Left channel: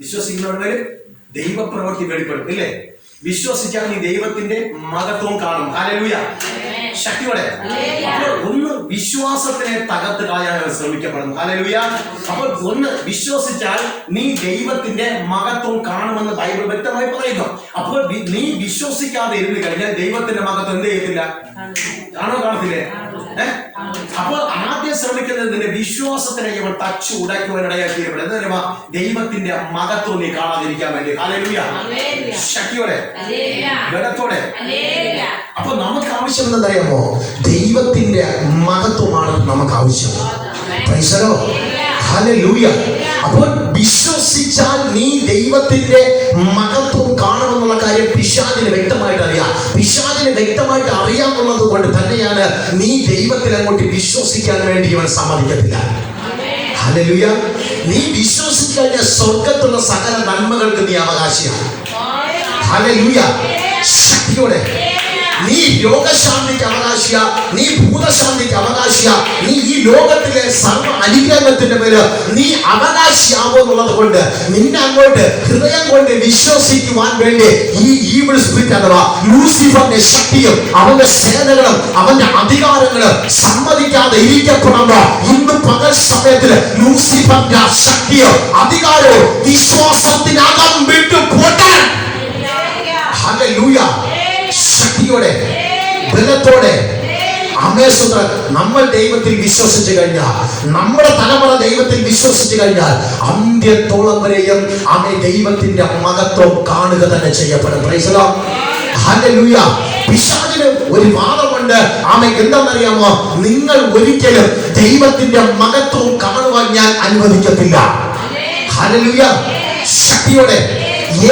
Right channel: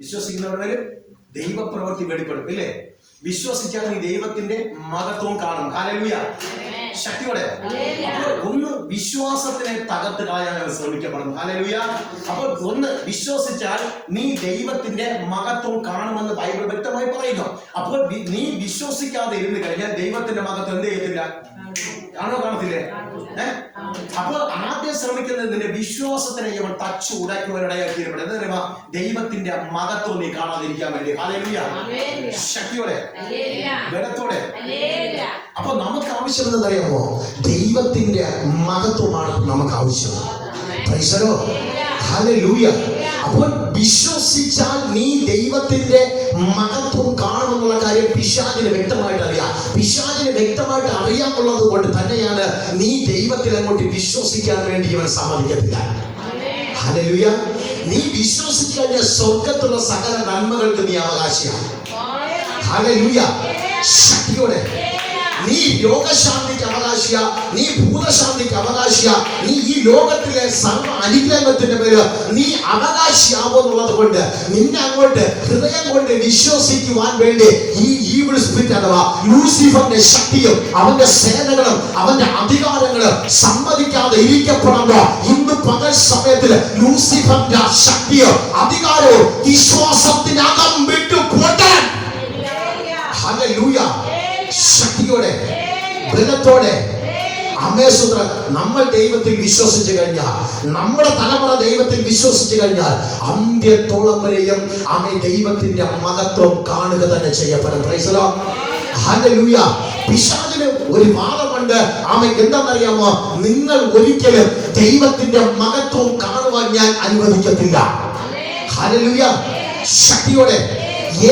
വിശ്വസിക്കുന്നവരുടെ ദൈവപ്രവൃത്തി വെളിപ്പെടും ഇല്ലേ? വിശ്വസിച്ചാൽ നീ ദൈവത്തിന്റെ മഹത്വം കാണും. ഹല്ലേലൂയ, ശക്തിയോടെ. അപ്പോൾ ഒന്ന് വിശ്വാസത്തിനെ തകർത്തിടാൻ ശ്രമിക്കപ്പെടും. ഹല്ലേലൂയ. അപ്പോൾ ഒന്ന് വിശ്വസിച്ചാൽ നീ ദൈവത്തിന്റെ മഹത്വം കാണുമെന്ന് ബൈബിൾ വ്യക്തമായി പറയുന്നു. അപ്പോൾ നീ വിശ്വസിക്കാതെ ഇരുന്ന് കഴിഞ്ഞാൽ ദൈവത്തിന്റെ മഹത്വം എന്ത് ചെയ്യത്തില്ല? കാണത്തില്ലേ? അപ്പോൾ ആദ്യം ശ്രമിക്കുന്നത് നിന്റെ വിശ്വാസത്തിനെ ഇവൻ തച്ചു ഉടയ്ക്കുവാനിടയാക്കി എന്താ ദൈവത്തിന്റെ മഹത്വം നീ കാണാതിരിക്കാൻ വേണ്ടി. ഹല്ലേലൂയ, ശക്തിയോടെ, ബലത്തോടെ. അപ്പൊ നമുക്ക് ആവശ്യം എന്താണെന്നറിയാമോ? ദൈവത്തിന്റെ മഹത്വമാണ് നമുക്ക് ആവശ്യം. Price the Lord, hallelujah. അപ്പോൾ വിശ്വസിച്ചാൽ നീ ദൈവത്തിന്റെ മഹത്വം കാണുമെന്നുള്ള കാര്യം പിശാചിന് വ്യക്തമായിട്ട് അറിയാം. പിശാചിന് വ്യക്തമായിട്ട് അറിയാമെന്നുള്ളത് കൊണ്ട് തന്നെയാണ് നീ ദൈവത്തിൽ അങ്ങോട്ട് വിശ്വസിക്കാൻ വേണ്ടി ഇവൻ സമ്മതിക്കത്തില്ല. ഹല്ലേലൂയ. നീ വിശ്വസിച്ചു കഴിഞ്ഞാൽ സ്വർഗത്തുള്ള സകല നന്മകൾക്ക് നീ അവകാശിയാണ്. ഹല്ലേലൂയ, ശക്തിയോടെ. നീ രോഗശാന്തിക്ക് അവകാശിയ, നീ ഭൂതശാന്തിക്ക് അവകാശിയ, നീ ഈ ലോകത്തിലെ സർവ്വ അനുഗ്രഹത്തിന്റെ മേല് നീ അവകാശിയാവുന്നുള്ളത് കൊണ്ട് നിന്നെ അങ്ങോട്ട് ഹൃദയം കൊണ്ട് വിശ്വസിക്കുവാൻ വേണ്ടി ഈ ഈവിൾ സ്പിരിറ്റ് അഥവാ ലൂസിഫറിന്റെ ശക്തിയും അവന്റെ സേനകളും അവന്റെ അധികാരങ്ങളും സമ്മതിക്കാതെ ഇരിക്കപ്പെടുമ്പോ ഇന്ന് പകൽ സമയത്തിൽ ലൂസിഫറിന്റെ ശക്തിയോ അധികാരവും വിശ്വാസത്തിനകം വിട്ടു പോട്ടെ. ഹല്ലേലൂയ, ശക്തിയോടെ, ബലത്തോടെ. അമേശ്വര നമ്മൾ ദൈവത്തിൽ വിശ്വസിച്ചു കഴിഞ്ഞാൽ, നമ്മുടെ തലമുറ ദൈവത്തിൽ വിശ്വസിച്ചു കഴിഞ്ഞാൽ അന്ത്യത്തോളം വരെയും അവൻ ദൈവത്തിന്റെ മഹത്വം കാണുക തന്നെ ചെയ്യപ്പെടും. Price the Lord, hallelujah. പിശാചിന് ഒരു വാദമുണ്ട്. അവൻ എന്താണെന്നറിയാമോ? നിങ്ങൾ ഒരിക്കലും ദൈവത്തിന്റെ മഹത്വം കാണുവാൻ ഞാൻ അനുവദിക്കത്തില്ല. ഹല്ലേലൂയ, ശക്തിയോടെ.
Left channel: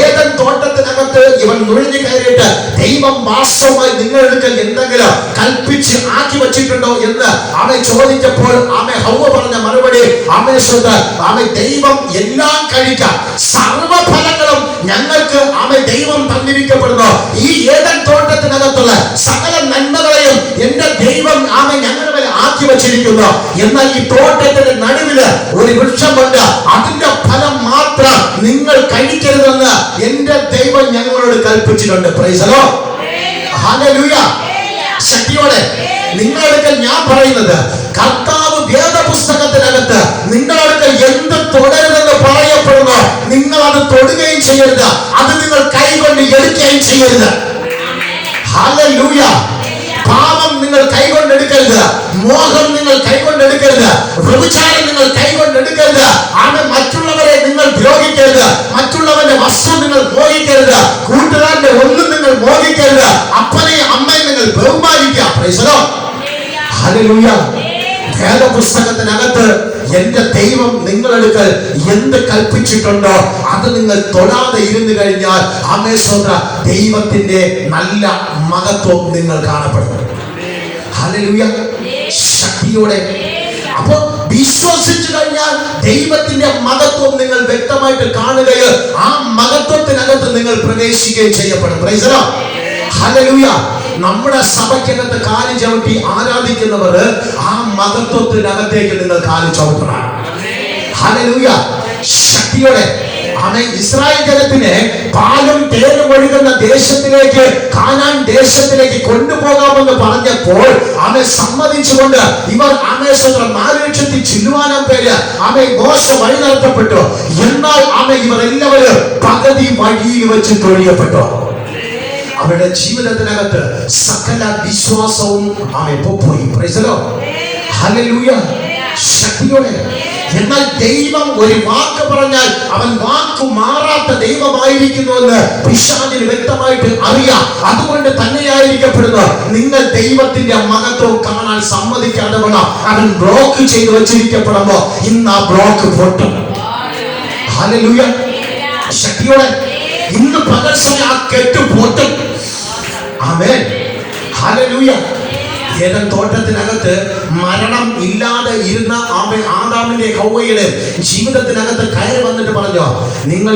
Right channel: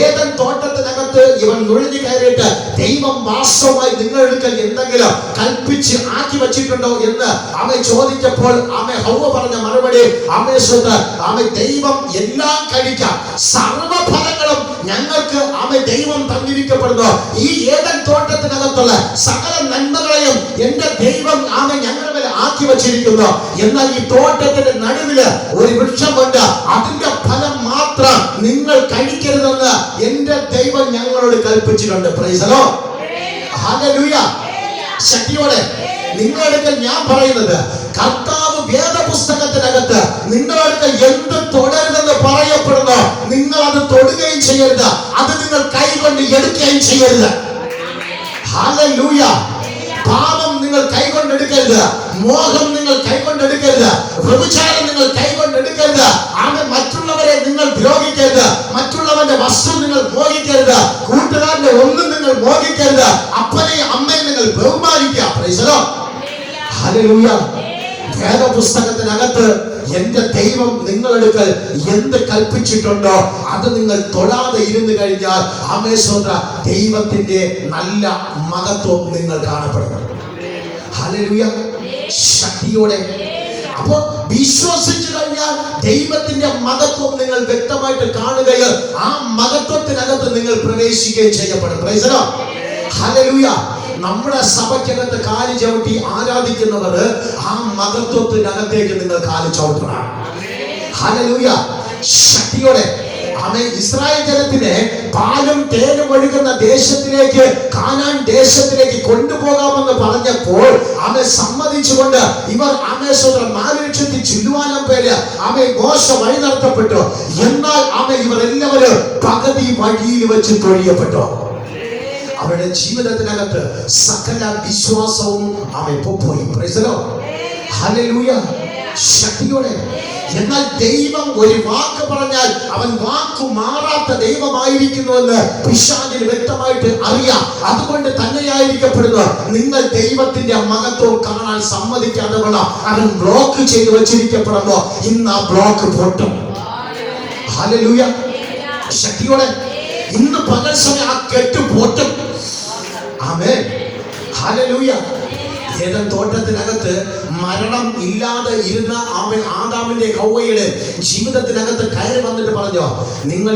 ഏദൻ തോട്ടത്തിനകത്ത് ഇവൻ നുഴഞ്ഞു കയറിയിട്ട് ദൈവം വാസ്തവമായി നിങ്ങളുടെ എന്തെങ്കിലും കൽപ്പിച്ച് ആക്കി വെച്ചിട്ടുണ്ടോ എന്ന് അവൻ ചോദിച്ചപ്പോൾ അവൻ ഹൗവ പറഞ്ഞ മറുപടി അവൻ ദൈവം എല്ലാം കഴിക്കാം, സർവഫലങ്ങളും ഞങ്ങൾക്ക് അവൻ ദൈവം തന്നിരിക്കപ്പെടുന്നു. ഈ ഏദൻ തോട്ടത്തിനകത്തുള്ള സകല നന്മകളെയും എന്റെ ദൈവം അവൻ ഞങ്ങളുടെ മേലെ ആക്കി വെച്ചിരിക്കുന്നു. എന്നാൽ ഈ തോട്ടത്തിന്റെ നടുവില് ഒരു വൃക്ഷമുണ്ട്, അതിന്റെ ഫലം മാത്രം നിങ്ങൾ കഴിക്കരുതെന്ന് എന്റെ ദൈവം ഞങ്ങളോട് കൽപ്പിച്ചിട്ടുണ്ട്. പ്രൈസ് ദി ലോർഡ്, ഹല്ലേലൂയ, ശക്തിയോടെ. നിങ്ങളടുക്കൽ ഞാൻ പറയുന്നത്, കർത്താവ് വേദപുസ്തകത്തിനകത്ത് നിങ്ങളടുക്കൽ എന്ത് തുടരുതെന്ന് പറയപ്പെടുന്നു, നിങ്ങൾ അത് തൊടുകയും ചെയ്യരുത്, അത് നിങ്ങൾ കൈകൊണ്ട് എടുക്കുകയും ചെയ്യരുത്. ഹല്ലേലൂയ. പാപം നിങ്ങൾ കൈകൊണ്ടെടുക്കരുത്, മോഹം നിങ്ങൾ കൈകൊണ്ടെടുക്കരുത്, വ്യഭിചാരം നിങ്ങൾ കൈകൊണ്ടെടുക്കരുത്, അങ്ങനെ മറ്റുള്ളവരെ നിങ്ങൾ ദ്രോഹിക്കരുത്, മറ്റുള്ളവന്റെ വസ്തു നിങ്ങൾ മോഹിക്കരുത്, കൂട്ടുകാരന്റെ ഒന്നും നിങ്ങൾ മോഹിക്കരുത്, അപ്പനെയും അമ്മയും നിങ്ങൾ ബഹുമാനിക്കുക. Praise the Lord, hallelujah. വേദപുസ്തകത്തിനകത്ത് എന്റെ ദൈവം നിങ്ങളെടുക്കൽ എന്ത് കൽപ്പിച്ചിട്ടുണ്ടോ അത് നിങ്ങൾ തൊടാതെ ഇരുന്നു കഴിഞ്ഞാൽ അമേശ്വര ദൈവത്തിന്റെ നല്ല മഹത്വം നിങ്ങൾ കാണപ്പെടും. ഹല്ലേലൂയ, ശക്തിയോടെ. അപ്പോ വിശ്വസിച്ചു കഴിഞ്ഞാൽ ദൈവത്തിന്റെ മഹത്വം നിങ്ങൾ വ്യക്തമായിട്ട് കാണുകയും ആ മഹത്വത്തിനകത്ത് നിങ്ങൾ പ്രവേശിക്കുകയും ചെയ്യപ്പെടും. Price the Lord, hallelujah. നമ്മുടെ സഭയ്ക്കകത്ത് കാലി ചവിട്ടി ആരാധിക്കുന്നവർ ആ മഹത്വത്തിനകത്തേക്ക് നിങ്ങൾ കാലി ചവിട്ടണം. ഹല്ലേലൂയ, ശക്തിയോടെ. അവൻ ഇസ്രായേൽ ജനത്തിനെ പാലും തേനും ഒഴുകുന്ന ദേശത്തിലേക്ക്, കാനാൻ ദേശത്തിലേക്ക് കൊണ്ടുപോകാമെന്ന് പറഞ്ഞപ്പോൾ അവൻ സമ്മതിച്ചുകൊണ്ട് ഇവർ 4,00,000 ചില്ലുവാനം പേര് അവൻ മോശ വഴി നടത്തപ്പെട്ടു. എന്നാൽ അവൻ ഇവർ എല്ലാവരും പകുതി വഴിയിൽ വെച്ച് തൊഴിയപ്പെട്ടു. അവരുടെ ജീവിതത്തിനകത്ത് സകല വിശ്വാസവും അവൻ പോയി. പ്രൈസ് ദി ലോർഡ്, ഹല്ലേലൂയ, ശക്തിയോടെ. എന്നാൽ ദൈവം ഒരു വാക്ക് പറഞ്ഞാൽ അവൻ വാക്ക് മാറാത്ത ദൈവമായിരിക്കുന്നുവെന്ന് പിശാചിന് വ്യക്തമായിട്ട് അറിയാം. അതുകൊണ്ട് തന്നെയായിരിക്കപ്പെടുന്നു നിങ്ങൾ ദൈവത്തിന്റെ മഹത്വം കാണാൻ സമ്മതിക്കാതെ അവൻ ബ്ലോക്ക് ചെയ്ത് വെച്ചിരിക്കപ്പെടുമ്പോ ഇന്ന് ആ ബ്ലോക്ക് പൊട്ടും. ഹല്ലേലൂയ, ശക്തിയോടെ. ഇന്ന് പകൽ സമയം ആ കെട്ട് പൊട്ടും. ആമേൻ, ഹല്ലേലൂയ. ഏദൻ തോട്ടത്തിനകത്ത് മരണം ഇല്ലാതെ ഇരുന്ന ആദാമിന്റെ ഹവ്വയുടെ ജീവിതത്തിനകത്ത് കയറി വന്നിട്ട് പറഞ്ഞു, നിങ്ങൾ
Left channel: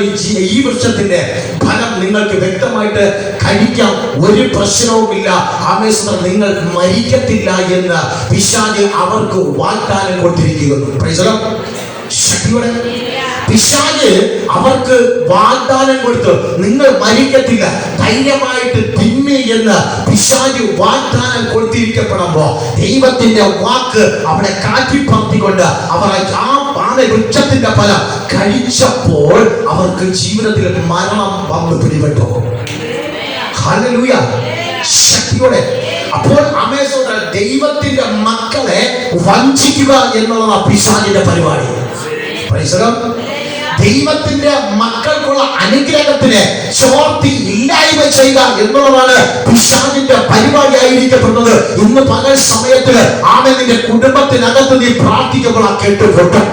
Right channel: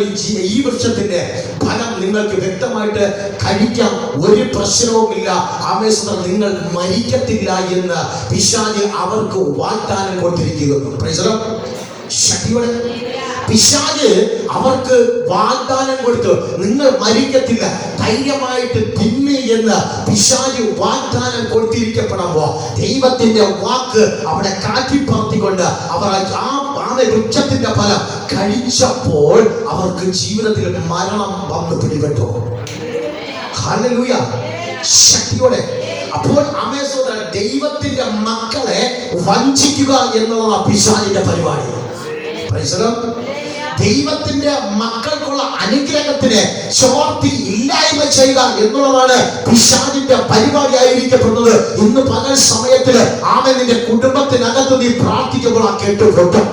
ഈ വൃക്ഷത്തിന്റെ ഫലം നിങ്ങൾക്ക് വ്യക്തമായിട്ട് കഴിക്കാം, ഒരു പ്രശ്നവുമില്ല, ആമേശ്വരം നിങ്ങൾ മരിക്കത്തില്ല എന്ന് പിശാച് അവർക്ക് വാഗ്ദാനം കൊടുത്തിരിക്കുന്നു. പ്രൈസ് ദി ലോർഡ്, ശക്തിയോടെ. പിശാച് അവർക്ക് വാഗ്ദാനം കൊടുത്തു, നിങ്ങൾ മരിക്കത്തില്ല, ധൈര്യമായിട്ട് തിന്മി എന്ന് പിശാച് വാഗ്ദാനം കൊടുത്തിരിക്കപ്പെടുമ്പോ ദൈവത്തിന്റെ വാക്ക് അവിടെ കാറ്റിപ്പറത്തിക്കൊണ്ട് അവർ ആ വൃക്ഷത്തിന്റെ ഫലം കഴിച്ചപ്പോൾ അവർക്ക് ജീവിതത്തിൽ മരണം വന്ന് പിടിപെട്ടു. ഹല്ലേലൂയ, ശക്തിയോടെ. അപ്പോൾ ദൈവത്തിന്റെ മക്കളെ വഞ്ചിക്കുക എന്നുള്ളതാണ് പിശാചിന്റെ പരിപാടി. ദൈവത്തിന്റെ മക്കൾക്കുള്ള അനുഗ്രഹത്തിന് ചോർത്തി ഇല്ലായ്മ ചെയ്യുക എന്നുള്ളതാണ് പിശാചിന്റെ പരിപാടി ആയിരിക്കപ്പെടുന്നത്. ഇന്ന് പകൽ സമയത്തില് ആമേൻ നിന്റെ കുടുംബത്തിനകത്ത് നീ പ്രാർത്ഥിക്കുമ്പോൾ ആ കേട്ടുപൊട്ടും.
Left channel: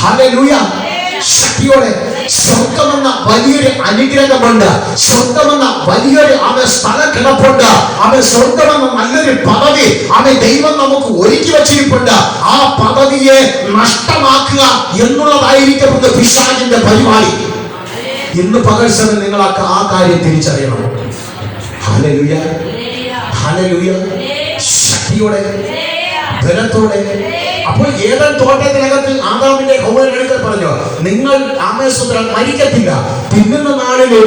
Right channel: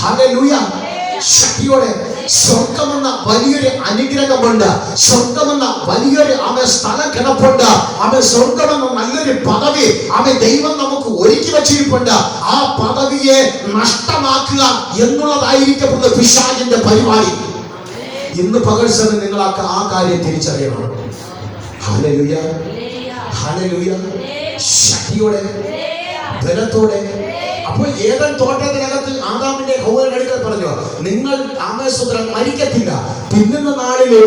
ഹല്ലേലൂയ, ശക്തിയോടെ. സ്വർഗമെന്ന വലിയൊരു അനുഗ്രഹമുണ്ട്, സ്വർഗമെന്ന വലിയൊരു സ്ഥലം കിടപ്പുണ്ട്, സ്വർഗമെന്ന നല്ലൊരു പദവി ദൈവം നമുക്ക് ഒരുക്കി വച്ചിരിപ്പുണ്ട്. ആ പദവിയെ നഷ്ടമാക്കുക എന്നുള്ളതായിരിക്കപ്പെടുന്ന പിശാചിന്റെ പരിപാടി. ഇന്ന് പകൽ സമയം നിങ്ങൾ ആ കാര്യം തിരിച്ചറിയണം. ഹല്ലേലൂയ, ഹല്ലേലൂയ, ശക്തിയോടെ, ബലത്തോടെ. അപ്പോൾ ഏദൻ തോട്ടത്തിനകത്ത് ആദാമിന്റെ ഹൗവയുടെ അടുക്കൽ പറഞ്ഞു, നിങ്ങൾ മരിക്കത്തില്ല, പിന്നുന്ന നാളില്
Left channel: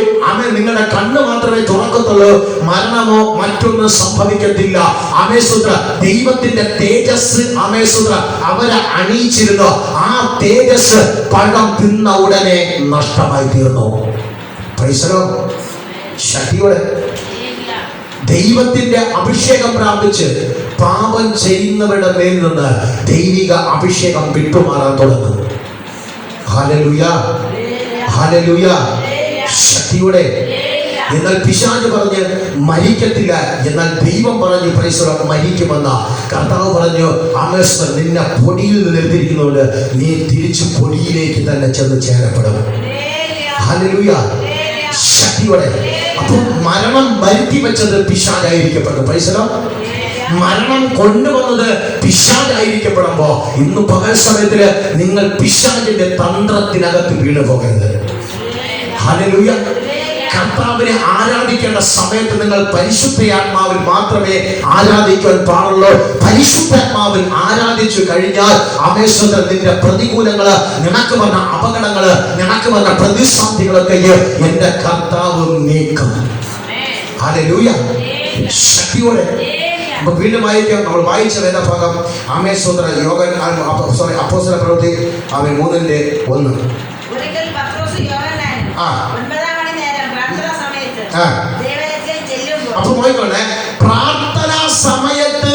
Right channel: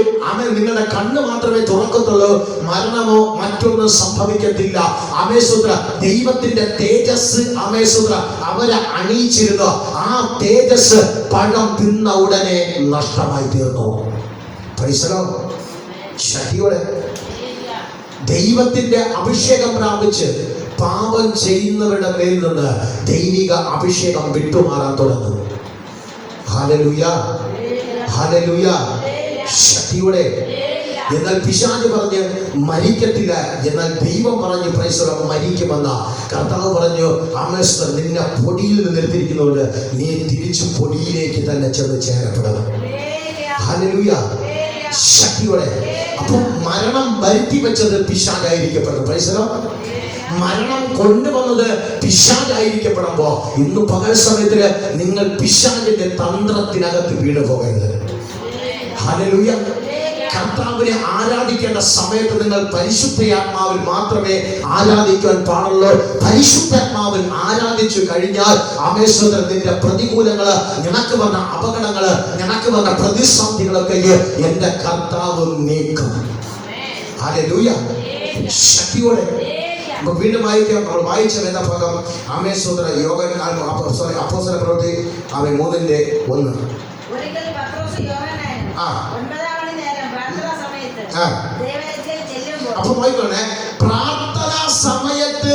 നിങ്ങളുടെ കണ്ണ് മാത്രമേ തുറക്കത്തുള്ളൂ, മരണമോ മറ്റൊന്നും സംഭവിക്കത്തില്ല. ദൈവത്തിന്റെ തേജസ് അവരെ അണിയിച്ചിരുന്നു. ആ തേജസ് പഴം തിന്ന ഉടനെ നഷ്ടമായി തീർന്നു. ശക്തിയോടെ ദൈവത്തിന്റെ അഭിഷേകം പ്രാപിച്ച് പാപം ചെയ്യുന്നവരുടെ മേൽ നിന്ന് ദൈവിക അഭിഷേകം വിട്ടുമാറാൻ തുടങ്ങും. ഹല്ലേലൂയ, ഹല്ലേലൂയ, ശക്തിയോടെ. എന്നാൽ പിശാച് പറഞ്ഞ് മരിക്കത്തില്ല, എന്നാൽ ദൈവം പറഞ്ഞു മരിക്കുമെന്ന. കർത്താവ് പറഞ്ഞു, നിന്നെ പൊടിയിൽ നിന്ന് എടുത്തിരിക്കുന്നുണ്ട്, നീ തിരിച്ചു പൊടിയിലേക്ക് തന്നെ ചെന്ന് ചേരപ്പെടും. ഹല്ലേലൂയ, ശക്തിയോടെ. അപ്പോൾ മരണം വരുത്തി വെച്ചത് പിശാചായിരിക്കപ്പെട്ടു. മരണം കൊണ്ടുവന്നത് പിശാചായിരിക്കപ്പെടുമ്പോ ഇന്ന് പകൽ സമയത്തില് നിങ്ങൾ പിശാചിന്റെ തന്ത്രത്തിനകത്ത് വീണു പോകരുത്. ഹല്ലേലൂയ. കർത്താവിനെ ആരാധിക്കേണ്ട സമയത്ത് നിങ്ങൾ പരിശുദ്ധാത്മാവിൽ മാത്രമേ ആരാധിക്കാൻ പാടുള്ളൂ. പരിശുദ്ധാത്മാവിൽ ആരാധിച്ചു കഴിഞ്ഞാൽ നിന്റെ പ്രതികൂലങ്ങള്, നിനക്ക് വന്ന അപകടങ്ങള്, നിനക്ക് വന്ന പ്രതിസന്ധികളൊക്കെ എന്റെ കർത്താവ് നീക്കും. ഹല്ലേലൂയ, ശക്തിയോടെ. വീണ്ടും വായിക്കാം. നമ്മൾ വായിച്ച വേദഭാഗം അപ്പോസ്തല പ്രവൃത്തി 3:1. അപ്പൊ നോക്കിക്കോണേ, പ്രാർത്ഥനാ സമയത്ത്,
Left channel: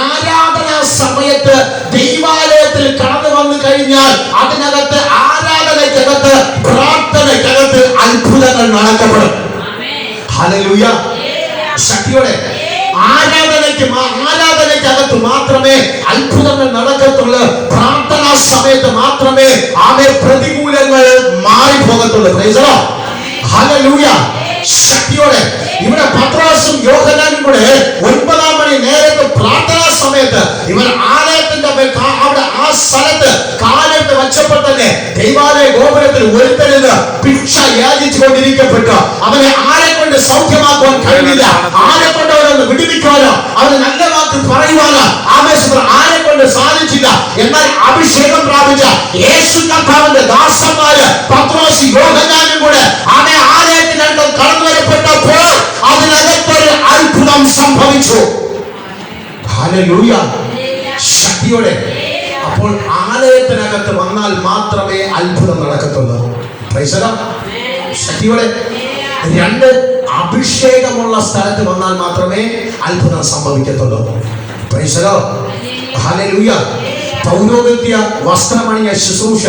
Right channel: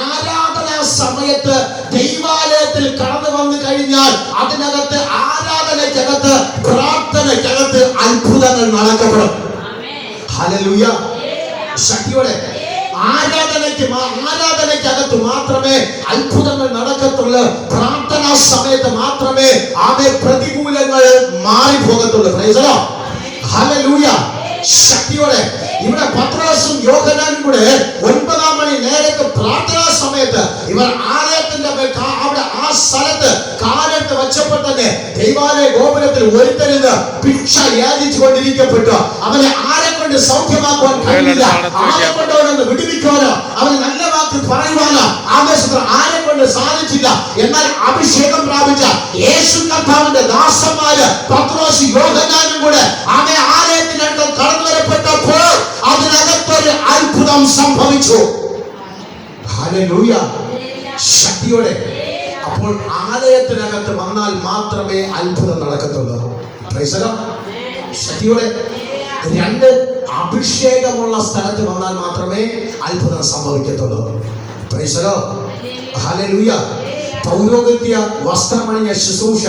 ആരാധനാ സമയത്ത് ദൈവാലയത്തിൽ കടന്നു വന്നു കഴിഞ്ഞാൽ അതിനകത്ത്, ആരാധനയ്ക്കകത്ത്, പ്രാർത്ഥനയ്ക്കകത്ത് അത്ഭുതങ്ങൾ നടക്കപ്പെടും. ഹല്ലേലൂയ, ശക്തിയോടെ. ആരാധനയ്ക്കകത്ത് മാത്രമേ അത്ഭുതങ്ങൾ നടക്കത്തുള്ളൂ. പ്രാർത്ഥനാ സമയത്ത് മാത്രമേ പ്രതികൂലങ്ങൾ മാറിപ്പോകത്തുള്ളൂ. ഹല്ലേലൂയ, ശക്തിയോടെ. ഇവിടെ പത്രോസും യോഹന്നാനും കൂടെ 9 മണി നേരത്തെ പ്രാർത്ഥനാ സമയത്ത് ഇവർ ആലയത്തിന്റെ അവിടെ ആ സ്ഥലത്ത് കാലത്ത് വെച്ചപ്പോൾ തന്നെ ദൈവാലയ ഗോപുരത്തിൽ ഒരുത്തരുന്ന് ഭിക്ഷ യാചിച്ചു കൊണ്ടിരിക്കപ്പെട്ടു. അവനെ ആരെ കൊണ്ട് സൗഖ്യമാക്കുവാൻ കഴിയില്ല, ആരെ കൊണ്ട് അവരൊന്ന് വിടുവിക്കുവാനോ അവന് നല്ല വാക്ക് പറയുവാനോ ആരെ കൊണ്ട് സാധിച്ചില്ല. എന്നാൽ അഭിഷേകം പ്രാപിച്ച യേശു കർത്താവിന്റെ ദാസന്മാര് പത്രോസ് യോഹന്നാനും കൂടെ ആലയത്തിനകത്ത് കടന്നു വരപ്പെട്ടപ്പോൾ അതിനകത്തൊരു അത്ഭുതം സംഭവിച്ചു. ഹല്ലേലൂയ, ശക്തിയോടെ. അപ്പോൾ ആലയത്തിനകത്ത് വന്നാൽ മാത്രമേ അത്ഭുതം നടക്കത്തുള്ളൂ. ശക്തിയോടെ. 2, അഭിഷേകമുള്ള സ്ഥലത്ത് വന്നാൽ മാത്രമേ അത്ഭുതം സംഭവിക്കത്തുള്ളൂ. ഹല്ലേലൂയ. പൗരോഹിത്യ വസ്ത്രമണിഞ്ഞ ശുശ്രൂഷ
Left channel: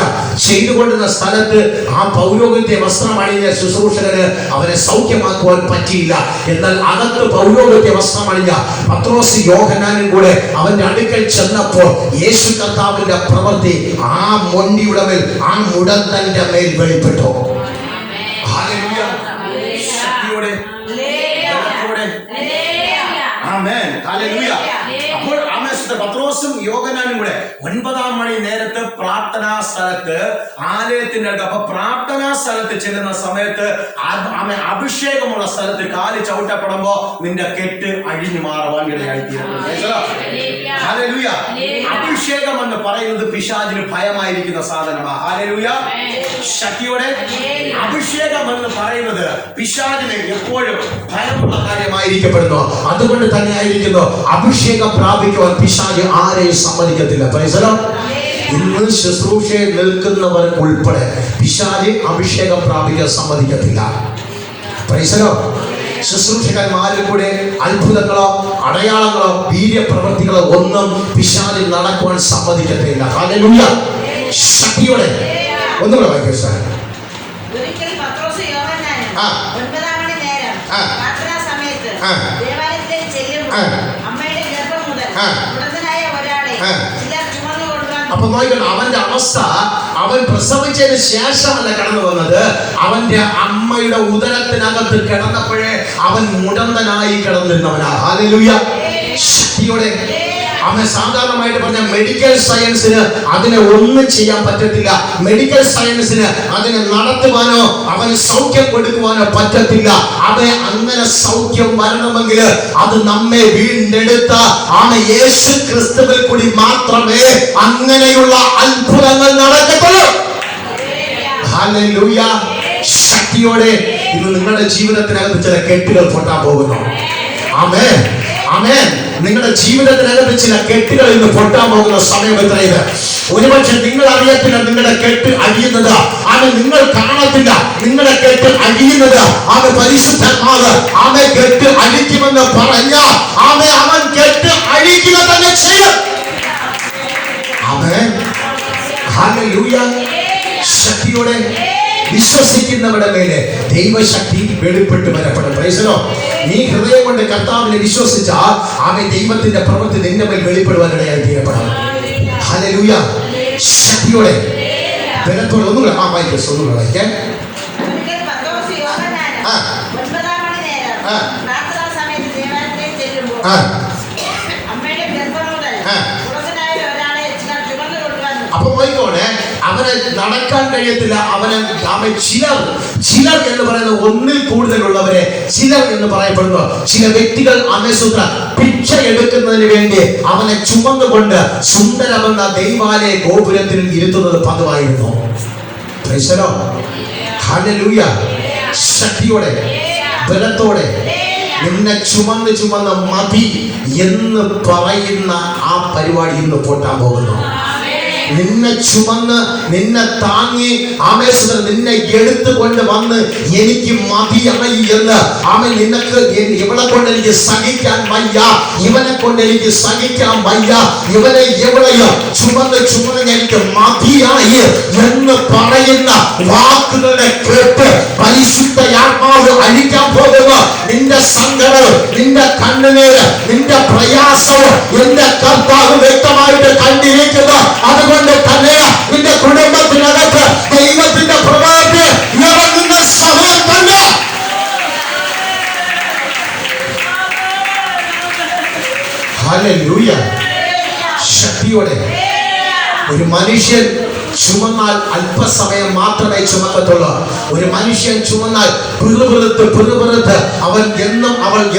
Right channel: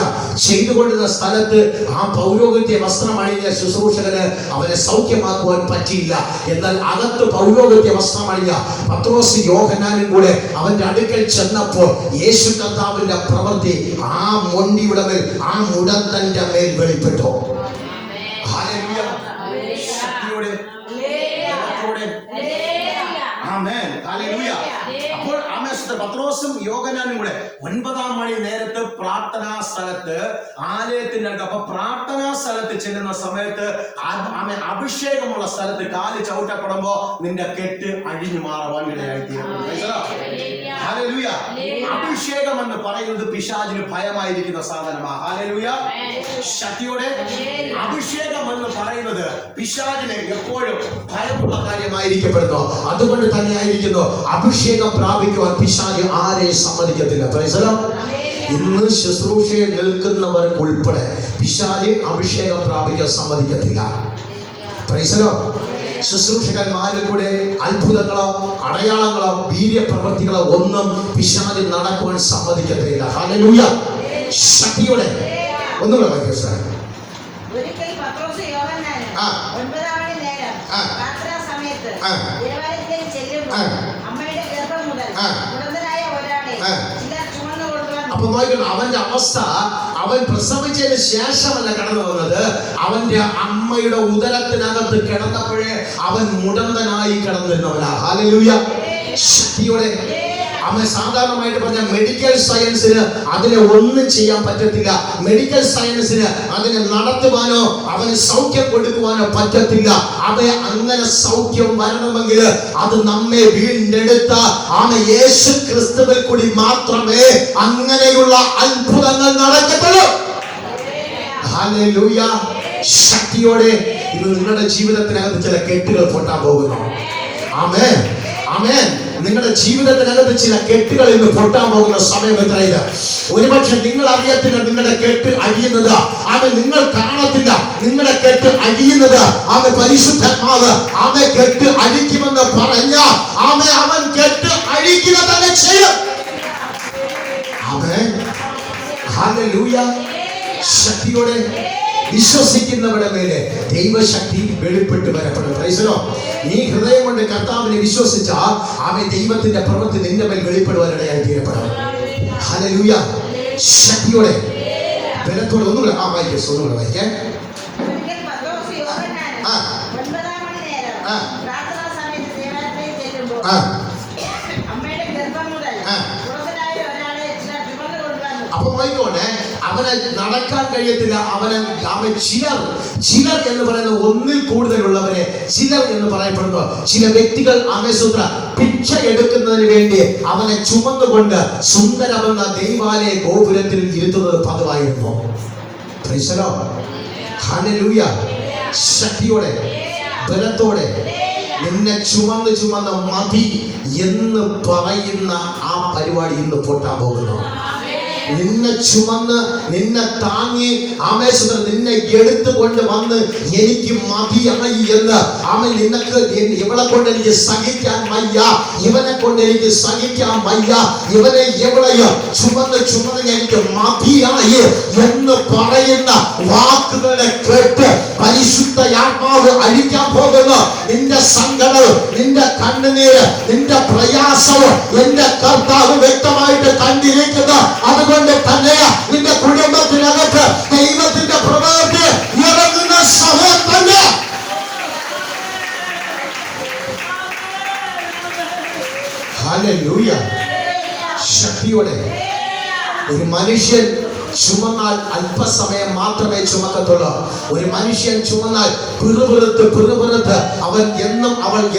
ചെയ്തുകൊണ്ടിരുന്ന സ്ഥലത്ത് ആ പൗരോഹിത്യ വസ്ത്രമണിഞ്ഞ ശുശ്രൂഷകന് അവരെ സൗഖ്യമാക്കുവാൻ പറ്റിയില്ല. എന്നാൽ അകത്ത് പൗരോഹിത്യ വസ്ത്രമണിഞ്ഞ പത്രോസ് യോഹന്നാനും കൂടെ അവന്റെ അടുക്കൽ ചെന്നപ്പോൾ യേശു കർത്താവിന്റെ പ്രവൃത്തി ആ മൊണ്ടിയുടെ മേൽ, ആ മുടന്തന്റെ മേൽ വെളിപ്പെട്ടു. ഹല്ലേലൂയ, ശക്തിയോടെ, ബലത്തോടെ. ആമേൻ, ഹല്ലേലൂയ. അപ്പോൾ പത്രോസും യോഹന്നാനും കൂടെ 9-ാം മണി നേരത്ത് പ്രാർത്ഥനാ സ്ഥലത്ത് ആലയത്തിന്റെ അടുത്ത്. അപ്പൊ പ്രാർത്ഥനാ സ്ഥലത്ത് ചെല്ലുന്ന സമയത്ത് അഭിഷേകമുള്ള സ്ഥലത്ത് കാല് ചവിട്ടപ്പെടുമ്പോ നിന്റെ കെട്ട് അഴിഞ്ഞു മാറുവാൻ ഇടയായിത്തീരുന്നു. ഹല്ലേലൂയ. അഭിഷേകം എന്ന് പറയുന്നത് പിശാചിന് ഭയമായിരിക്കുന്ന സാധനമാണ്. ഹല്ലേലൂയ. ശക്തിയോടെ അഭിഷേകം എന്ന് പറയുന്നത് പിശാചിന് എപ്പോഴും ഭയമുള്ള കാര്യമായിരിക്കപ്പെടുന്നു. അതുകൊണ്ട് തന്നെ ആയിരിക്കുന്നു അഭിഷേകം പ്രാപിക്കുവാൻ പിശാച് ആരെയും സമ്മതിക്കത്തില്ല. Price the Lord. ഇന്ന് ശുശ്രൂഷയിൽ നിൽക്കുന്നവർക്ക് ഉൾപ്പെടെ പിശാച് അഭിഷേകം പ്രാപിക്കാൻ സമ്മതിക്കത്തില്ല. Price the Lord. ശുശ്രൂഷകന്മാരിൽ കൂടെ അത്ഭുതങ്ങളോ അടയാളങ്ങളോ വീര്യപ്രവൃത്തികളോ ഒന്നും പിശാചിൽ നടക്കുവാൻ സമ്മതിക്കത്തില്ല. ഹല്ലേലൂയ. ശക്തിയോടെ ഒന്നുകൂടെ വായിക്കൂ സാർ. ഒരിക്കൽ പത്രോസ് യോഹന്നാനും 9-ാം മണി നേരം പ്രാർത്ഥനാ സമയത്ത് ദേവാലയത്തിലേക്ക് ചെല്ലുമ്പോൾ അമ്മയുടെ ഗർഭം മുതൽ മുടന്തനായ ഒരാളെ ചിലർ ചുമന്നു കൊണ്ടുവന്നു. അപ്പൊ നോക്കണം, അവന്റെ അവസ്ഥ അവൻ പ്രസവിച്ചതിന് ശേഷമല്ല കടന്നു വന്നത്. അവന്റെ അമ്മയുടെ ഉദരത്തിനകത്ത് കിടന്നപ്പോഴേ അവൻ മുടന്തനായി കിടന്നിരുന്നവനാ. ഹല്ലേലൂയ. ശക്തിയോടെ അവൻ സാധാരണമായിട്ട് പറഞ്ഞ മെഡിക്കൽ സയൻസിന് അതിനെ ഒന്നും ചെയ്യാൻ പറ്റത്തില്ല. മെഡിക്കൽ സയൻസിന് അതിനെ നടത്തുവാനോ അവന് സൗഖ്യം കൊടുക്കുവാനോ പറ്റത്തില്ല. അവൻ അങ്ങനെ സൗഖ്യം വരണമെങ്കിൽ അത് നമ്മെ വീണ്ടെടുത്ത യേശു ക്രിസ്തുവിൽ കൂടി മാത്രമേ അങ്ങനെയുള്ള അത്ഭുതങ്ങൾ നടക്കത്തുള്ളൂ. ഹല്ലേലൂയ. ശക്തിയോടെ ഇത് നിങ്ങളുടെ ജീവിതത്തിനകത്ത് ചില കെട്ടുകൾ പൊട്ടാൻ പോകുന്നു. ആമേൻ, ആമേൻ. നിങ്ങളുടെ ജീവിതത്തിനകത്ത് ചില കെട്ടുകൾ ഇന്ന് പൊട്ടാൻ പോകുന്ന സമയം എത്രയത്? ഒരുപക്ഷെ നിങ്ങൾ അറിയത്തില്ല നിങ്ങളുടെ കെട്ട് അഴിയുന്നത്, അത് നിങ്ങൾ കാണത്തില്ല. നിങ്ങളുടെ കെട്ട് അഴിയുന്നത് അത് പരിശുദ്ധാത്മാവ് അവൻ കെട്ട് അഴിക്കുമെന്ന് പറഞ്ഞാൽ അവൻ കെട്ട് അഴിക്കുക തന്നെ ചെയ്യും. ആമേൻ. ഹല്ലേലൂയ. ശക്തിയോടെ വിശ്വസിക്കുന്നവരുടെ മേലെ ദൈവശക്തി വെളിപ്പെട്ട് വരപ്പെടും. Price the Lord. നീ ഹൃദയം കൊണ്ട് കർത്താവിനെ വിശ്വസിച്ചാൽ അവൻ ദൈവത്തിന്റെ പ്രവൃത്തി നിന്റെ മേൽ വെളിപ്പെടുവാനിടയായി തീരപ്പെടാം. ഹല്ലേലൂയ. ശക്തിയോടെ ബലത്തോടെ ഒന്നുകൂടെ വായിക്കാം. ഒരിക്കൽ പത്രോസ് യോഹന്നാനും 9-ാം മണി നേരം പ്രാർത്ഥനാ സമയത്ത് ദേവാലയത്തിലേക്ക് ചെല്ലുമ്പോൾ അമ്മയുടെ ഗർഭം മുതൽ മുടന്തനായ ഒരാളെ ചിലർ ചുമന്നു കൊണ്ടുവന്നു. അപ്പൊ നോയിക്കോട്ടെ, അവന് നടക്കാൻ കഴിയത്തില്ല. അവൻ ചിലർ എന്ന് പറയുന്ന ഒന്നിൽ കൂടുതലുള്ളവരെ ചിലർ എന്ന് പറയപ്പെടുന്നു. ചില വ്യക്തികൾ അമേസുത്ര ഭിക്ഷ എടുക്കുന്നതിന് വേണ്ടി അവനെ ചുമന്നുകൊണ്ട് സുന്ദരമെന്ന ദൈവാലയ ഗോപുരത്തിൽ ഇരുത്തുന്നത് പതിവായിരുന്നു. Price the Lord. ഹല്ലേലൂയ. ശക്തിയോടെ ബലത്തോടെ നിന്നെ ചുമന്ന് മതി എന്ന് പറയുന്ന ആ പരിപാടി ഇന്ന് പൊട്ടാൻ പോകുന്നു. നിന്നെ ചുമന്ന് നിന്നെ താങ്ങി ആമേശ്വരൻ നിന്നെ എടുത്തുകൊണ്ട് വന്ന് എനിക്ക് മതിയായി എന്ന് നിനക്ക് ഇവളെ കൊണ്ട് എനിക്ക് സഹിക്കാൻ വയ്യ, ഇവനെ കൊണ്ട് എനിക്ക് സഹിക്കാൻ വയ്യ, ഇവനെ എവിടെയോ ചുമന്ന് എനിക്ക് മതിയായി എന്ന് പറയുന്ന വാക്കുകളെ കേട്ട് പരിശുദ്ധ ആത്മാവ് അഴിക്കാൻ പോകുന്നു. നിന്റെ സങ്കടം, നിന്റെ കണ്ണുനീര്, നിന്റെ പ്രയാസവും എന്റെ കർത്താവ് വ്യക്തമായിട്ട് കണ്ടിരിക്കുന്നു. അതുകൊണ്ട് തന്നെ നിന്റെ കുടുംബത്തിനകത്ത് ദൈവത്തിന്റെ പ്രവൃത്തി ഇറങ്ങുന്ന സമയം തന്നെ. ഹല്ലേലൂയ. ശക്തിയോടെ ഒരു മനുഷ്യൻ ചുമന്നാൽ അല്പസമയം മാത്രമേ ചുമക്കത്തുള്ളൂ. ഒരു മനുഷ്യൻ ചുമന്നാൽ പിറുപിറുത്ത് അവൾ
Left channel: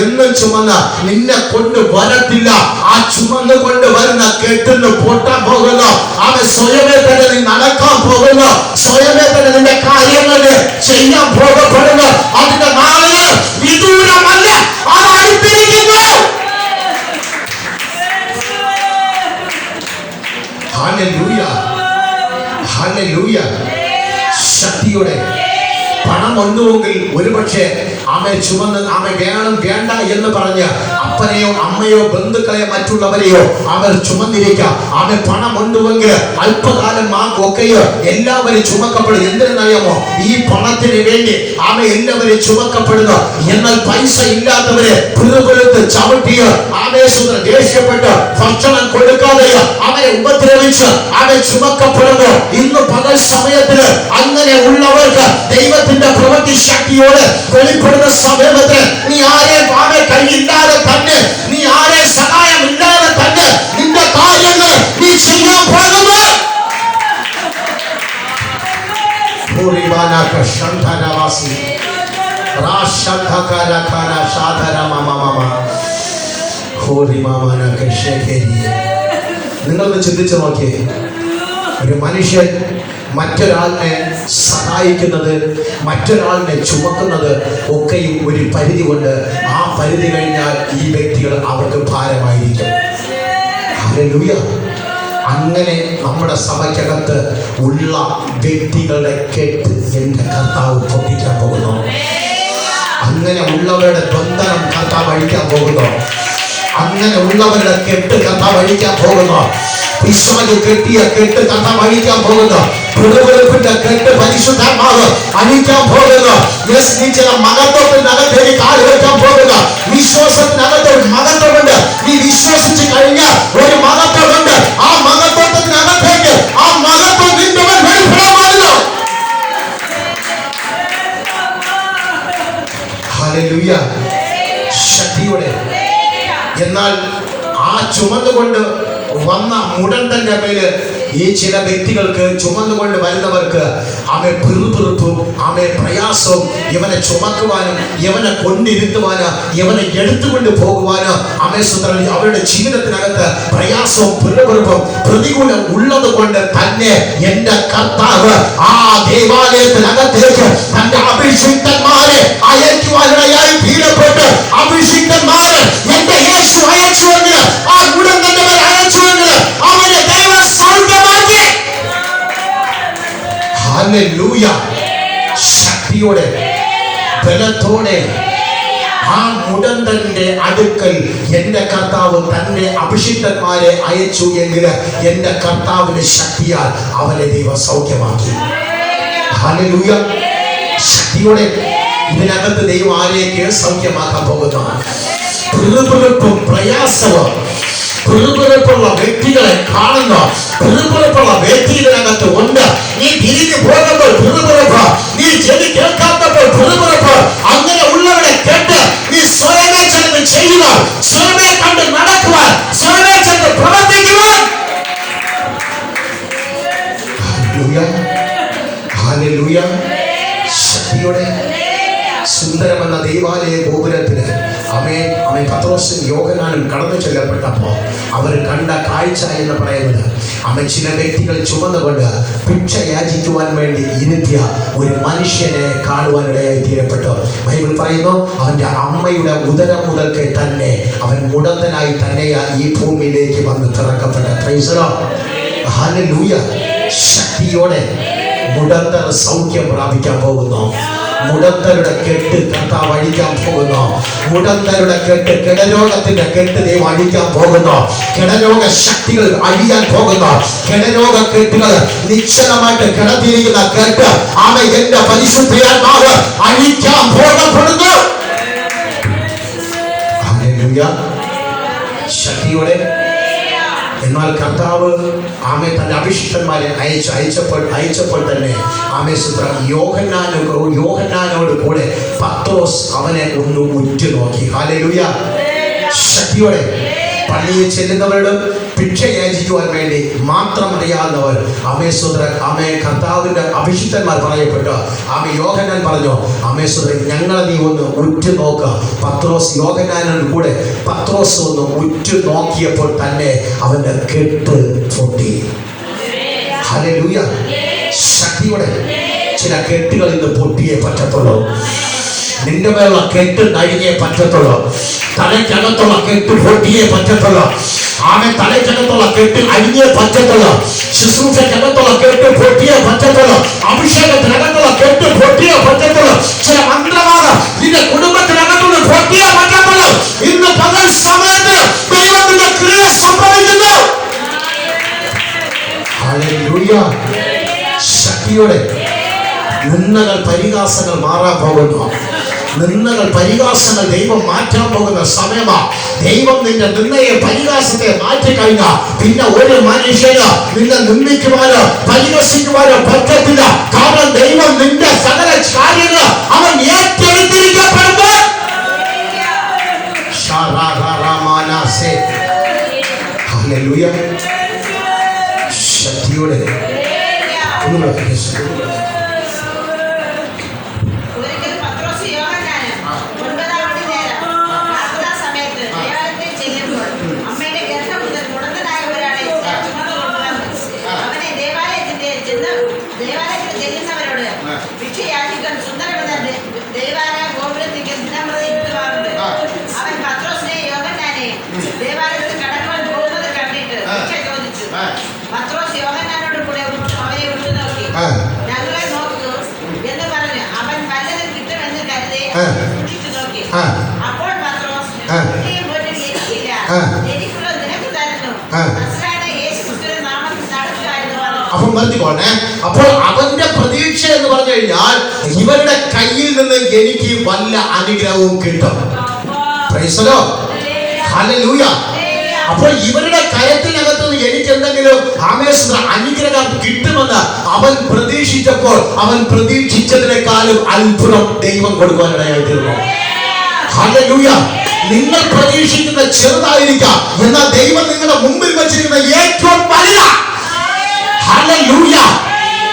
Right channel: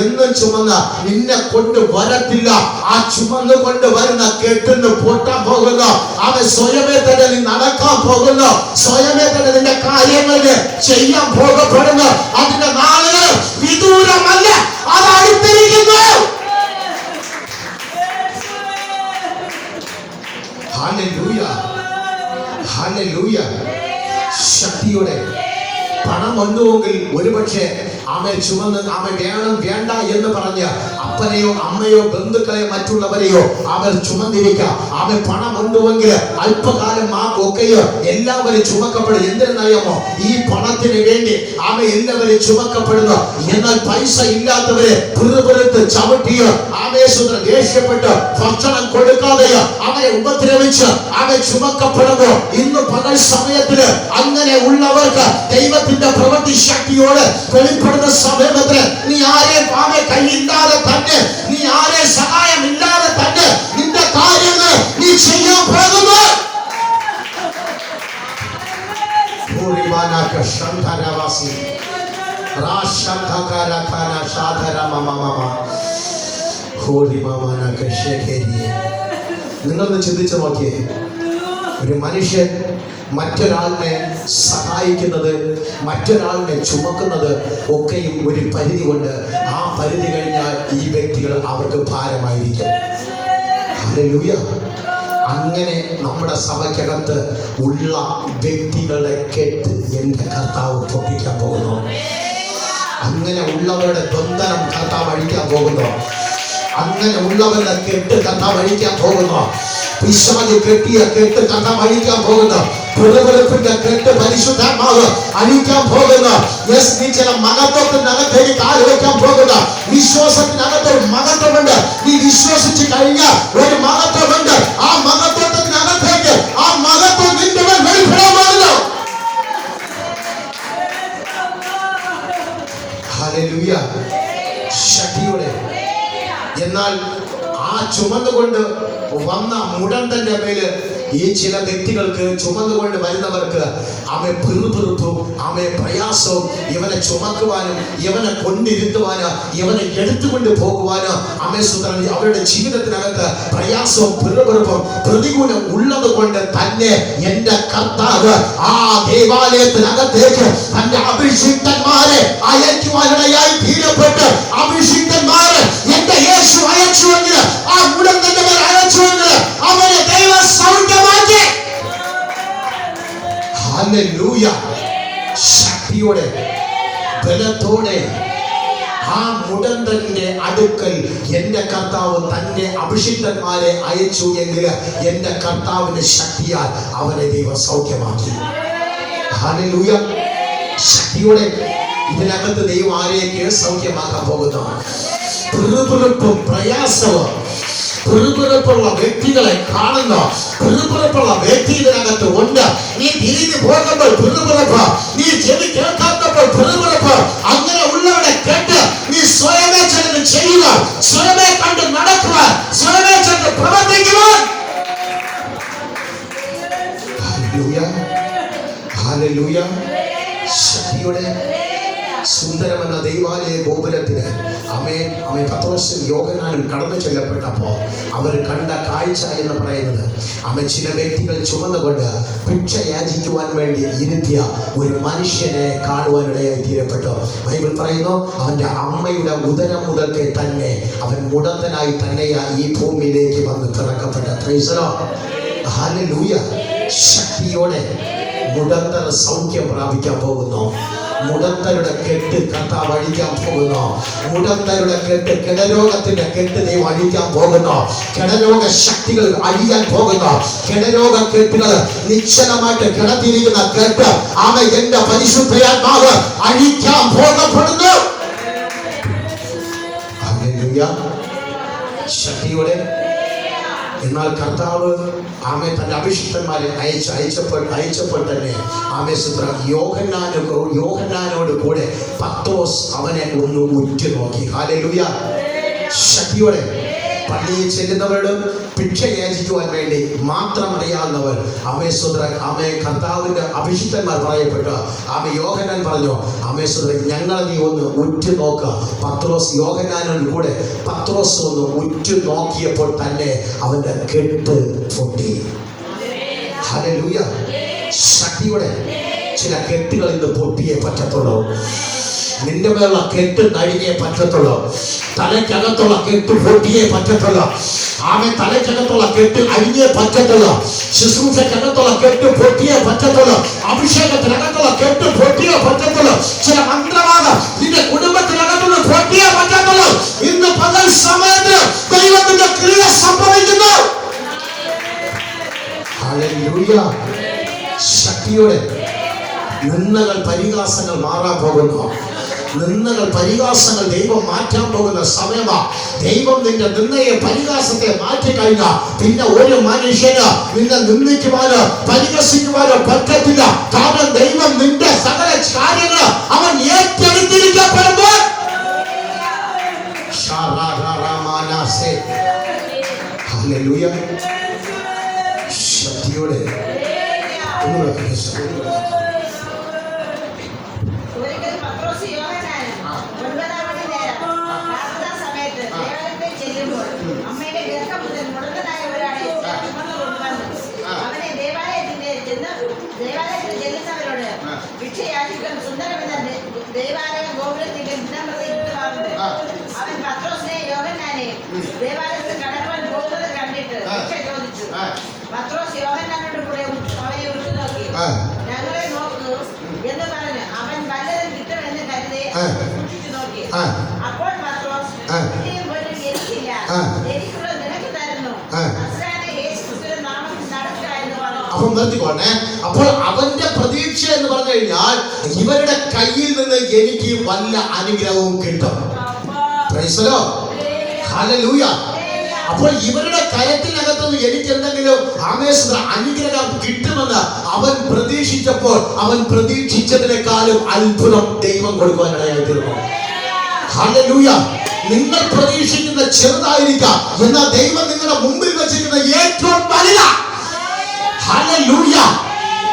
എന്നും ചുമന്ന് നിന്നെ കൊണ്ട് വരത്തില്ല. ആ ചുമന്ന് കൊണ്ട് വരുന്ന കെട്ടുന്ന് പൊട്ടാൻ പോകുന്നു. അവൻ സ്വയമേ തന്നെ നീ നടക്കാൻ പോകുന്നു. സ്വയമേ തന്നെ നിന്റെ കാര്യങ്ങൾ ചെയ്യാൻ പോകപ്പെടുന്നു. അതിന്റെ നാളുകൾ വിദൂരമല്ല, അത് അടുത്തിരിക്കുന്നു. ഹല്ലേലൂയ. ഹല്ലേലൂയ. ശക്തിയോടെ പണം ഒന്നുമെങ്കിൽ ഒരുപക്ഷെ ചുമന്ന് വേണ്ട എന്ന് പറഞ്ഞ് അപ്പനെയോ അമ്മയോ ബന്ധുക്കളെയോ മറ്റുള്ളവരെയോ ചുമന്നിരിക്കാം. പണം ഉണ്ടുവെങ്കിൽ അല്പകാലം ഒക്കെയോ എല്ലാവരും ചുമക്കപ്പെടും. എന്തിനറിയാമോ? ഈ പണത്തിന് വേണ്ടി എല്ലാവരും ചുമക്കപ്പെടുന്നു. എന്നാൽ പൈസ ഇല്ലാത്തവരെ പിറുപിറുത്ത് ചവിട്ടിയോ ദേഷ്യപ്പെട്ട് ഭക്ഷണം കൊടുക്കാതെയോ അവരെ ഉപദ്രവിച്ച് ചുമക്കപ്പെടുന്നു. ഇന്ന് പകൽ സമയത്തിന് അങ്ങനെ ഉള്ളവർക്ക് ദൈവത്തിന്റെ പ്രവൃത്തി ശക്തിയോട് വെളിപ്പെടുന്ന സമയത്ത് നീ ആരെ കൈയില്ലാതെ തന്നെ, നീ ആരെ സഹായം ഇല്ലാതെ തന്നെ നിന്റെ നിങ്ങളൊന്ന് ചിന്തിച്ചു നോക്കിയേ, ഒരു മനുഷ്യൻ മറ്റൊരാളിനെ സഹായിക്കുന്നത്, മറ്റൊരാളിനെ ചുമക്കുന്നത് ഒക്കെയും ഒരു പരിധി കൊണ്ട്, ആ പരിധി കഴിഞ്ഞാൽ ഈ വ്യക്തികൾ അവർക്ക് ഭാരമായിരിക്കും. ഹല്ലേലൂയ. അങ്ങനെ നമ്മുടെ സഭയ്ക്കകത്ത് ഉള്ള വ്യക്തികളുടെ കെട്ട് എൻ്റെ കർത്താവ് പൊട്ടിക്കാൻ പോകുന്നു. അങ്ങനെ ഉള്ളവരുടെ ബന്ധനം കർത്താവ് അഴിക്കാൻ പോകുന്നു. അങ്ങനെ ഉള്ളവരുടെ കെട്ട് കർത്താവ് അഴിക്കാൻ പോകുന്നു. പിശാച് കെട്ടിയ കെട്ട് കർത്താവ് അഴിക്കാൻ പോകുന്നു. പിറുപിറുപ്പിന്റെ കെട്ട് പരിശുദ്ധാത്മാവ് അഴിക്കാൻ പോകുന്നു. നീ ചില മഹത്വത്തിനകത്തേക്ക് കാല് വെക്കാൻ പോകുക. വിശ്വാസത്തിനകത്ത് ഒരു മഹത്വമുണ്ട്. നീ വിശ്വസിച്ച് കഴിഞ്ഞാൽ ഒരു മഹത്വമുണ്ട്. ആ മഹത്വത്തിനകത്തേക്ക് ആ മഹത്വം നിന്റെ മേൽ വെളിപ്പെടാൻ പാടില്ല. ഹല്ലേലൂയ. ശക്തിയോടെ. എന്നാൽ ആ ചുമന്നുകൊണ്ട് വന്ന മുടന്തന്റെ മേല് ഈ ചില വ്യക്തികൾക്ക്, ചുമന്നുകൊണ്ട് വരുന്നവർക്ക് അവൻ പിറുപിറുപ്പും അവൻ പ്രയാസവും, ഇവനെ ചുമക്കുവാനും ഇവനെ കൊണ്ടിരുത്തുവാനും ഇവനെ എടുത്തുകൊണ്ട് പോകുവാനും അവരുടെ ജീവിതത്തിനകത്ത് പ്രയാസവും പിറുപിറുപ്പും പ്രതികൂലം ഉള്ളത് കൊണ്ട് തന്നെ എൻ്റെ കർത്താവ് ആ ദേവാലയത്തിനകത്തേക്ക് തന്റെ അഭിഷിക്തന്മാരെ അയക്കുവാനിടയായി തീരപ്പെട്ട്, അഭിഷിക്തന്മാരെ എന്റെ യേശു അയച്ചുവെങ്കിൽ, ആ മുടന്തന്റെ മേൽ അയച്ചുവെങ്കിൽ അവനെ ദൈവ സൗഖ്യമാക്കി. ഹല്ലേലൂയ. ശക്തിയോടെ ബലത്തോടെ ആ മുടന്തന്റെ അടുക്കൽ എൻ്റെ കർത്താവ് തന്റെ അഭിഷിക്തന്മാരെ അയച്ചു എങ്കിൽ എൻ്റെ കർത്താവിന്റെ ശക്തിയാൽ അവനെ ദൈവ സൗഖ്യമാക്കി. ഹല്ലേലൂയ. ശക്തിയോടെ ഇതിനകത്ത് ദൈവം ആരെയൊക്കെ സൗഖ്യമാക്കാൻ പോകുന്നു? പിറുപിറുപ്പും പ്രയാസവും, പിറുപിറുപ്പുള്ള വ്യക്തികളെ കാണുന്ന, പിറുപിറുപ്പുള്ള വ്യക്തി ഇതിനകത്ത് ഉണ്ട്. നീ തിരിഞ്ഞു പോകുമ്പോൾ പിറുപിറുപ്പ്, നീ ചെവി കേൾക്കാത്തപ്പോൾ പിറുപിറുപ്പ്, അങ്ങനെ ഉള്ളവരെ കേട്ട് നീ സ്വയമേ ചെന്ന് ചെയ്യുക, സ്വയമേ കണ്ട് നടക്കുവാൻ, സ്വയമേ ചെന്ന് പ്രവർത്തിക്കുവാൻ. ഹല്ലേലൂയ. ഹല്ലേലൂയ. ശക്തിയോടെ സുന്ദരമെന്ന ദൈവാലയ ഗോപുരത്തിന് അവൻ പത്രോസും യോഹന്നാനും കടന്നു ചെല്ലപ്പെട്ടപ്പോൾ അവർ കണ്ട കാഴ്ച എന്ന് പറയുന്നത്, അവൻ ചില വ്യക്തികൾ ചുമന്നുകൊണ്ട് ഭിക്ഷ യാചിക്കുവാൻ വേണ്ടി ഇരുത്തിയ ഒരു മനുഷ്യനെ കാണുവാനിടയായി തീരപ്പെട്ടു. ബൈബിൾ പറയുന്നു, അവന്റെ അമ്മയുടെ ഉദരം മുതൽക്ക് തന്നെ അവൻ മുടന്തനായി തന്നെയാ ഈ ഭൂമിയിലേക്ക് വന്ന് തിറക്കപ്പെട്ട. Praise the Lord. ഹല്ലേലൂയ. ശക്തിയോടെ മുടന്തർ സൗഖ്യം പ്രാപിക്കാൻ പോകുന്നു. മുടന്തരുടെ കെട്ട് കർത്താവ് അഴിക്കാൻ പോകുന്നു. മുടന്തരുടെ കെട്ട്, കിടരോഗത്തിന്റെ കെട്ട് ദൈവം അഴിക്കാൻ പോകുന്നു. കിടരോഗ ശക്തികൾ അഴിയാൻ പോകുന്നു. കിടരോഗ കെട്ടുകൾ, നിശ്ചലമായിട്ട് കിടത്തിയിരിക്കുന്ന കെട്ട് എന്റെ പരിശുദ്ധാത്മാവ് അഴിക്കാൻ പോകപ്പെടുന്നു. ഹല്ലേലൂയ. ശക്തിയോടെ. എന്നാൽ കർത്താവ് തന്റെ അഭിഷിക്തന്മാരെ അയച്ചപ്പോൾ തന്നെ യോഹന്നാനോട് കൂടെ പത്രോസ് അവനെ ഒന്ന് ഉറ്റുനോക്കി. ഹല്ലേലൂയ. ശക്തിയോടെ. പള്ളിയിൽ ചെല്ലുന്നവരോട് ഭിക്ഷ യാചിക്കുവാൻ വേണ്ടി മാത്രം അറിയാവുന്നവർ കർത്താവിന്റെ അഭിഷിക്തന്മാർ പറയപ്പെട്ടു. യോഹന്നാൻ പറഞ്ഞു, ഞങ്ങളെ നീ ഒന്ന് ഉറ്റുനോക്ക. പത്രോസ് യോഹന്നാനോട് കൂടെ പത്രോസ് ഒന്ന് ഉറ്റുനോക്കിയപ്പോൾ തന്നെ അവന്റെ കെട്ട് പൊട്ടി. ഹല്ലേലൂയ. ശക്തിയോടെ. ചില കെട്ടുകൾ ഇന്ന് പൊട്ടിയേ പറ്റത്തുള്ളൂ. നിന്റെ മേലുള്ള കെട്ട് നഴിഞ്ഞേ പറ്റത്തുള്ളൂ. തലയ്ക്കകത്തുള്ള കെട്ട് പൊട്ടിയേ പറ്റത്തുള്ളൂ. തലയ്ക്കകത്തുള്ള കെട്ട് അഴിഞ്ഞേ പറ്റത്തുള്ളൂ. ശുശ്രൂഷക്കകത്തുള്ള കെട്ട് പൊട്ടിയേ പറ്റത്തുള്ളൂ. അഭിഷേകത്തിനകത്തുള്ള കെട്ട് പൊട്ടിയേ പറ്റത്തുള്ളൂ. ചില മന്ത്രവാദം നിന്റെ കുടുംബത്തിനകത്തുള്ള പൊട്ടിയേ പറ്റത്തുള്ളൂ. ഇന്ന് പകൽ സമയത്ത് ദൈവത്തിന്റെ ക്രിയ സംഭവിക്കുന്നു. ഹല്ലേലൂയ. ശക്തിയോടെ. നിന്ദകൾ പരിഹാസങ്ങൾ മാറാൻ പോകുന്നു. നിന്ദകൾ പരിഹാസങ്ങൾ ദൈവം മാറ്റാൻ പോകുന്ന സമയമാ. ദൈവം നിന്റെ നിന്നയെ പരിഹാസത്തെ മാറ്റിക്കഴിഞ്ഞാൽ പിന്നെ ഒരു മനുഷ്യന് നിന്നെ നിന്ദിക്കുവാനോ പരിഹസിക്കുവാനോ പറ്റത്തില്ല. കാരണം ദൈവം നിന്റെ സകല കാര്യങ്ങൾ അവൻ ഏറ്റെടുത്തിരിക്കപ്പെടുന്നു. ഹല്ലേലൂയ. ശക്തിയോടെ. സൂക്ഷിച്ചു നോക്കി. ആ. അപ്പോൾ പത്രോസ്, ആ. "ഒന്നിനെയും പോലും എനിക്കില്ല. ആ. എനിക്കുള്ളത് നിനക്ക് തരുന്നു. ആ. നസറായനായ യേശുക്രിസ്തുവിന്റെ നാമത്തിൽ നടക്കുക" എന്ന് പറഞ്ഞു. അപ്പൊ നിർത്തിക്കോണേ. അപ്പോൾ അവന്റെ പ്രതീക്ഷ എന്ന് പറഞ്ഞു കഴിഞ്ഞാൽ ഇവരുടെ കയ്യിൽ നിന്ന് എനിക്ക് വല്ല അനുഗ്രഹവും കിട്ടും. Price the Lord. ഹല്ലേലൂയ. അപ്പോൾ ഇവരുടെ കരത്തിനകത്ത് നിന്ന് എനിക്ക് എന്തെങ്കിലും അനുഗ്രഹം കിട്ടുമെന്ന് അവൻ പ്രതീക്ഷിച്ചപ്പോൾ അവൻ പ്രതീക്ഷിച്ചതിനേക്കാളും അത്ഭുതം ദൈവം കൊടുക്കാനിടയായി തീർന്നു. ഹല്ലേലൂയ. നിങ്ങൾ പ്രതീക്ഷിക്കുന്ന ചെറുതായിരിക്കാം, എന്നാൽ ദൈവം നിങ്ങളുടെ മുമ്പിൽ വെച്ചിരിക്കുന്ന ഏറ്റവും വലുതാ. ഹല്ലേലൂയ.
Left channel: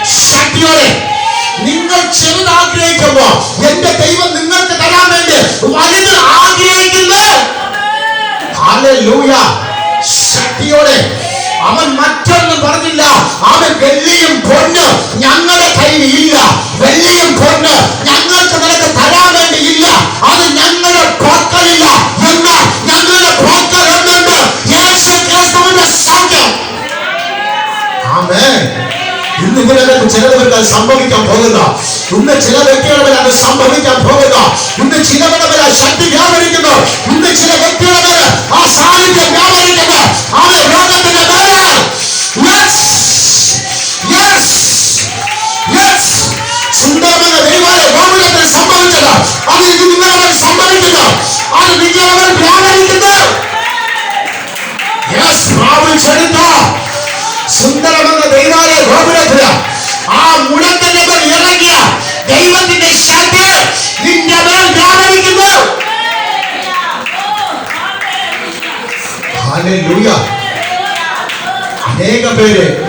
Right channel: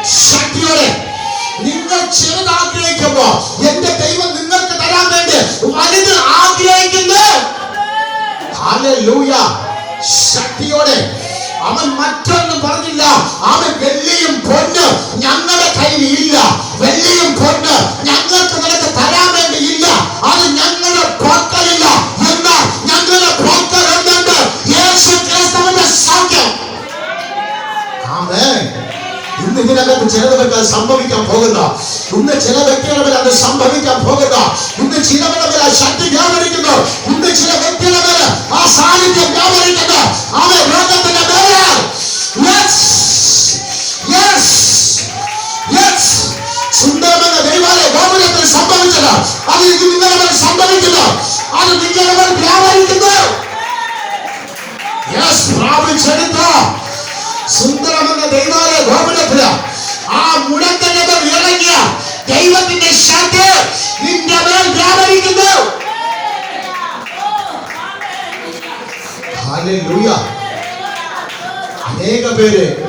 ശക്തിയോടെ നിങ്ങൾ ചെറുത് ആഗ്രഹിക്കുമ്പോൾ എന്റെ ദൈവം നിങ്ങൾക്ക് തരാൻ വേണ്ടി വലുത് ആഗ്രഹിക്കുന്നു. ഹല്ലേലൂയ. ശക്തിയോടെ അവൻ മറ്റൊന്നും പറഞ്ഞില്ല. അവൻ വെള്ളിയും പൊന്ന് ഞങ്ങളുടെ കയ്യിൽ ഇല്ല, വെള്ളിയും പൊന്ന് ഞങ്ങൾക്ക് നിനക്ക് തരാൻ വേണ്ടി ഇല്ല, അത് ഞങ്ങളുടെ പക്കലില്ല, എന്നാൽ ഞങ്ങളുടെ പക്കൽ എന്തുണ്ട്? യേശു ക്രിസ്തുവിന്റെ സൗഖ്യം. ആമേൻ. ഇന്ന് ഇതിനകത്ത് ചിലവർക്ക് അത് സംഭവിക്കാൻ പോകുന്ന, ഇന്ന് ചില വ്യക്തികളുടെ അത് സംഭവിക്കാൻ പോകുന്ന, ഇന്ന് ചിലവരുടെ ആ ശക്തി വ്യാപരിക്കുന്നു, ഇന്ന് ചില വ്യക്തികളുടെ ആ സാന്നിധ്യം വ്യാപരിക്കുന്നു. അവൻ രോഗത്തിന്റെ മേലെ സുന്ദരമെന്ന ദൈവാലയ ഗോപുരത്തിൽ സംഭവിച്ചത് അത് ഇത് നിങ്ങളവർ സംഭവിക്കുന്നു, അത് നിങ്ങളവർ വ്യാപരിക്കുന്നു. പ്രാപിച്ചെടുത്തോ സുന്ദരമെന്ന ദൈവാലയ ഗോപുരത്തില് ആ മുഴത്തിന്റെ മേൽ ഇറങ്ങിയ ദൈവത്തിന്റെ ശക്തി നിന്റെ മേൽ വ്യാപരിക്കുന്നു. ഹല്ലേലൂയ. അനേക പേര്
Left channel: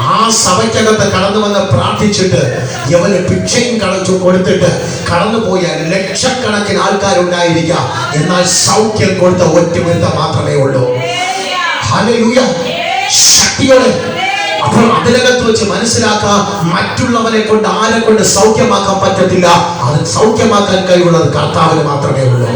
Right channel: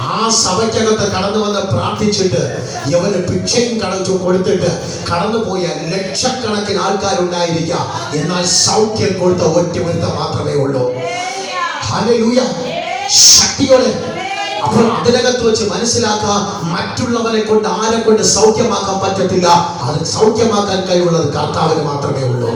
ആ സഭയ്ക്കകത്ത് കടന്നു വന്ന് പ്രാർത്ഥിച്ചിട്ട് യവന് ഭിക്ഷയും കടച്ചു കൊടുത്തിട്ട് കടന്നുപോയ ലക്ഷക്കണക്കിന് ആൾക്കാരുണ്ടായിരിക്കാം, എന്നാൽ സൗഖ്യം കൊടുത്ത ഒറ്റ മാത്രമേ ഉള്ളൂ. ഹല്ലേലൂയ. ശക്തിയോടെ. അപ്പോൾ അതിനകത്ത് വെച്ച് മനസ്സിലാക്കാം, മറ്റുള്ളവനെ കൊണ്ട് ആരെ കൊണ്ട് സൗഖ്യമാക്കാൻ പറ്റത്തില്ല, അത് സൗഖ്യമാക്കാൻ കഴിവുള്ളത് കർത്താവിന് മാത്രമേ ഉള്ളൂ.